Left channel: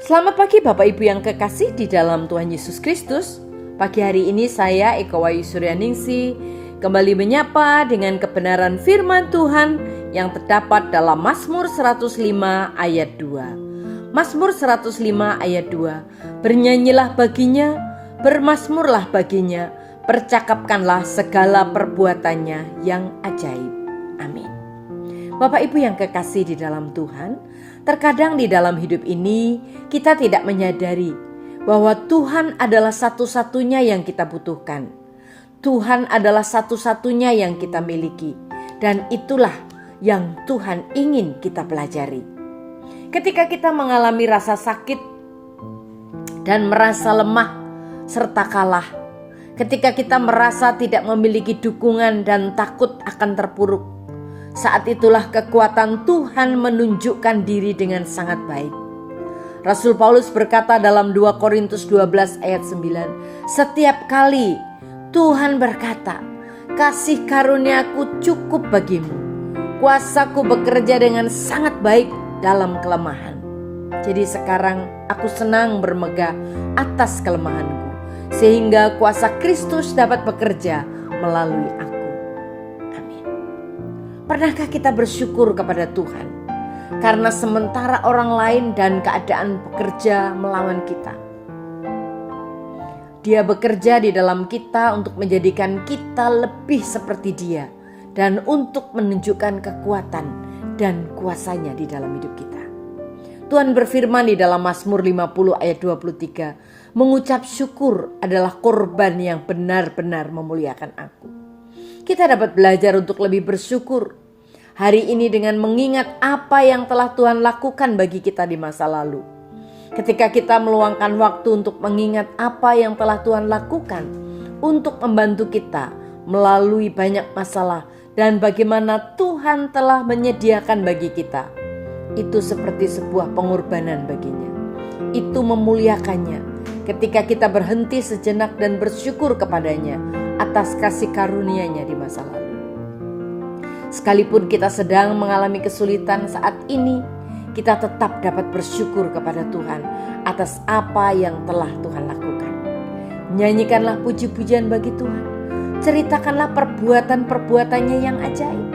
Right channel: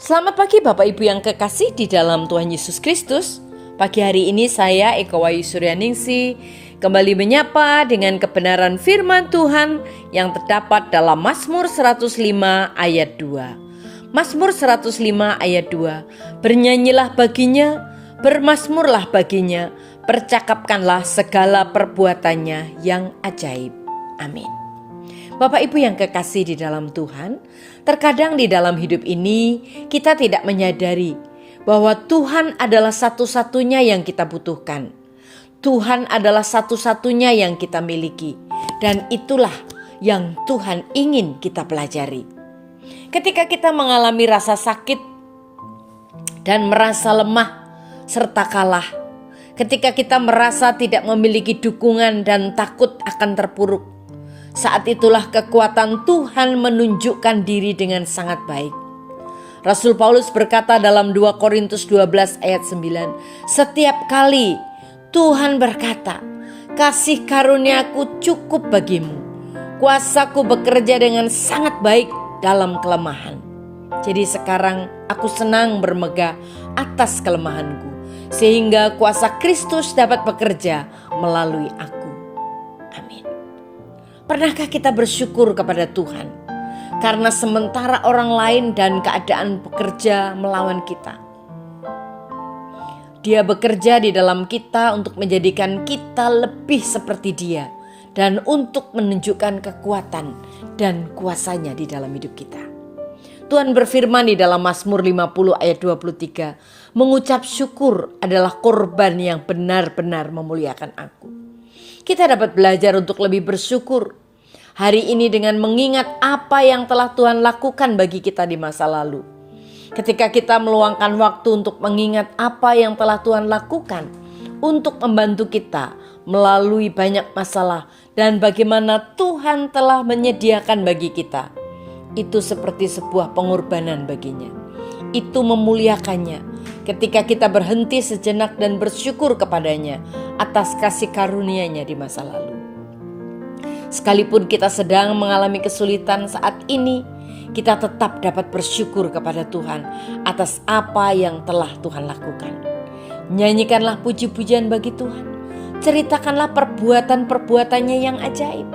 Selamat pagi Bapak Ibu yang kekasih di dalam Tuhan Yesus Kristus. Pagi hari ini saya Eka Wayu Suryaningsih kembali menyapa dengan kebenaran firman Tuhan yang terdapat dalam Mazmur 105 ayat 2. Mazmur 105 ayat 2. Bernyanyilah baginya, bermazmurlah baginya, percakapkanlah segala perbuatannya yang ajaib. Amin. Bapak Ibu yang kekasih di dalam Tuhan, terkadang di dalam hidup ini kita tidak menyadari bahwa Tuhan adalah satu-satunya yang kita butuhkan. Tuhan adalah satu-satunya yang kita miliki, dan itulah yang Tuhan ingin kita pelajari. Ketika kita mengalami rasa sakit dan merasa lemah serta kalah, ketika kita merasa tidak memiliki dukungan dan takut akan terpuruk, saat itulah kekuatan Tuhan menunjukkan diri dengan sangat baik. Rasul Paulus berkata dalam 2 Korintus 12 ayat 9, setiap kali Tuhan berkata, kasih karuniaku cukup bagimu, kuasaku bekerja dengan sangat baik dalam kelemahan. Jadi sekarang aku senang bermegah atas kelemahanku, sehingga kuasa Kristus dapat bekerja melalui aku. Amin. Pernahkah kita bersyukur kepada Tuhan karena sementara orang lain dan keadaan bekerja melawan kita, Dia bekerja di dalam kita untuk menjadikan kita lebih seperti Dia dan untuk menunjukkan kekuatan dan kuasanya di dalam hidup kita. Tuhan berfirman di dalam Mazmur 50 ayat 23, mengucap syukur adalah korban yang benar-benar memuliakan aku. Kita dapat belajar untuk lebih bersyukur hari ini dengan mengingat apa yang telah Tuhan lakukan bagi kita di masa lalu. Ketika kita meluangkan waktu untuk mengingat apa yang telah Tuhan lakukan untuk membantu kita melalui banyak masalah dan bagaimana Tuhan telah menyediakan bagi kita, itu seperti sebuah pengorbanan baginya. Itu memuliakannya ketika kita berhenti sejenak dan bersyukur kepadanya atas kasih karunia-Nya di masa lalu. Sekalipun kita sedang mengalami kesulitan saat ini, kita tetap dapat bersyukur kepada Tuhan atas apa yang telah Tuhan lakukan. Nyanyikanlah puji-pujian bagi Tuhan. Ceritakanlah perbuatan-perbuatannya yang ajaib.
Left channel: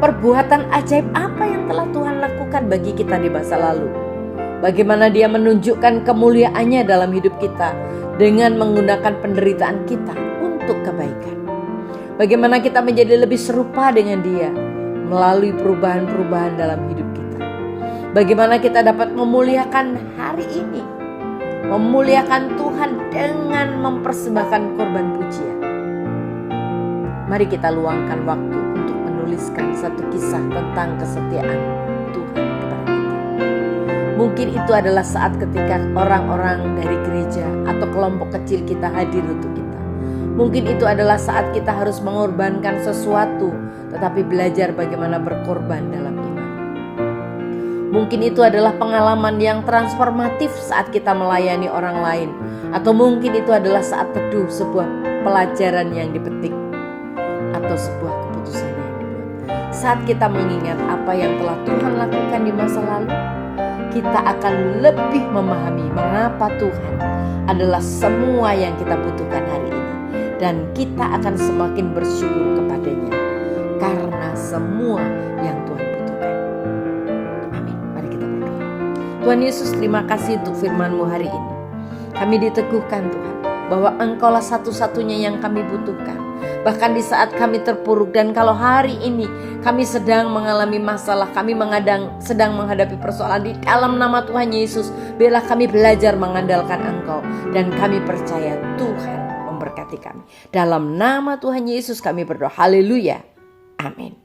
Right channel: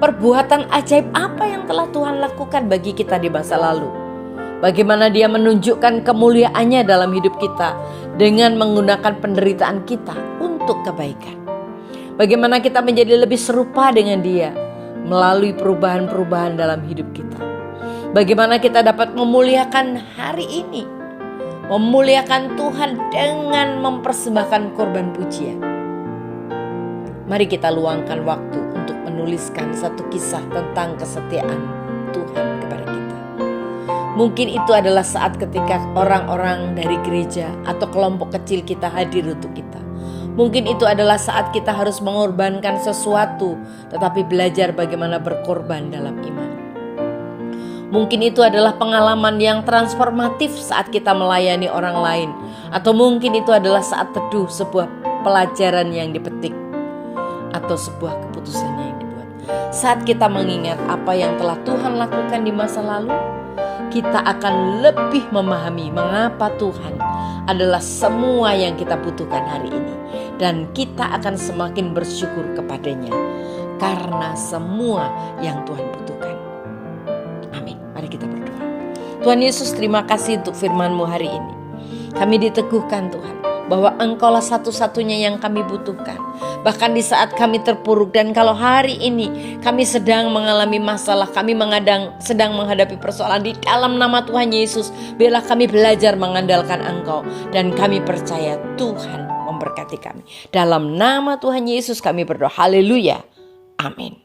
Perbuatan ajaib apa yang telah Tuhan lakukan bagi kita di masa lalu. Bagaimana Dia menunjukkan kemuliaannya dalam hidup kita dengan menggunakan penderitaan kita untuk kebaikan. Bagaimana kita menjadi lebih serupa dengan Dia melalui perubahan-perubahan dalam hidup kita. Bagaimana kita dapat memuliakan hari ini, memuliakan Tuhan dengan mempersembahkan korban pujian. Mari kita luangkan waktu untuk menuliskan satu kisah tentang kesetiaan Tuhan kepada kita. Mungkin itu adalah saat ketika orang-orang dari gereja atau kelompok kecil kita hadir untuk kita. Mungkin itu adalah saat kita harus mengorbankan sesuatu, tetapi belajar bagaimana berkorban dalam iman. Mungkin itu adalah pengalaman yang transformatif saat kita melayani orang lain. Atau mungkin itu adalah saat teduh sebuah pelajaran yang dipetik, atau sebuah keputusan yang dibuat. Saat kita mengingat apa yang telah Tuhan lakukan di masa lalu, kita akan lebih memahami mengapa Tuhan adalah semua yang kita butuhkan hari ini. Dan kita akan semakin bersyukur kepadanya karena semua yang Tuhan butuhkan. Amin. Mari kita berdoa. Tuhan Yesus, terima kasih untuk firman-Mu hari ini. Kami diteguhkan Tuhan bahwa Engkaulah satu-satunya yang kami butuhkan. Bahkan di saat kami terpuruk, dan kalau hari ini kami sedang mengalami masalah, kami sedang menghadapi persoalan, di dalam nama Tuhan Yesus, biarlah kami belajar mengandalkan Engkau. Dan kami percaya Tuhan memberkati kami. Dalam nama Tuhan Yesus kami berdoa. Haleluya. Amin.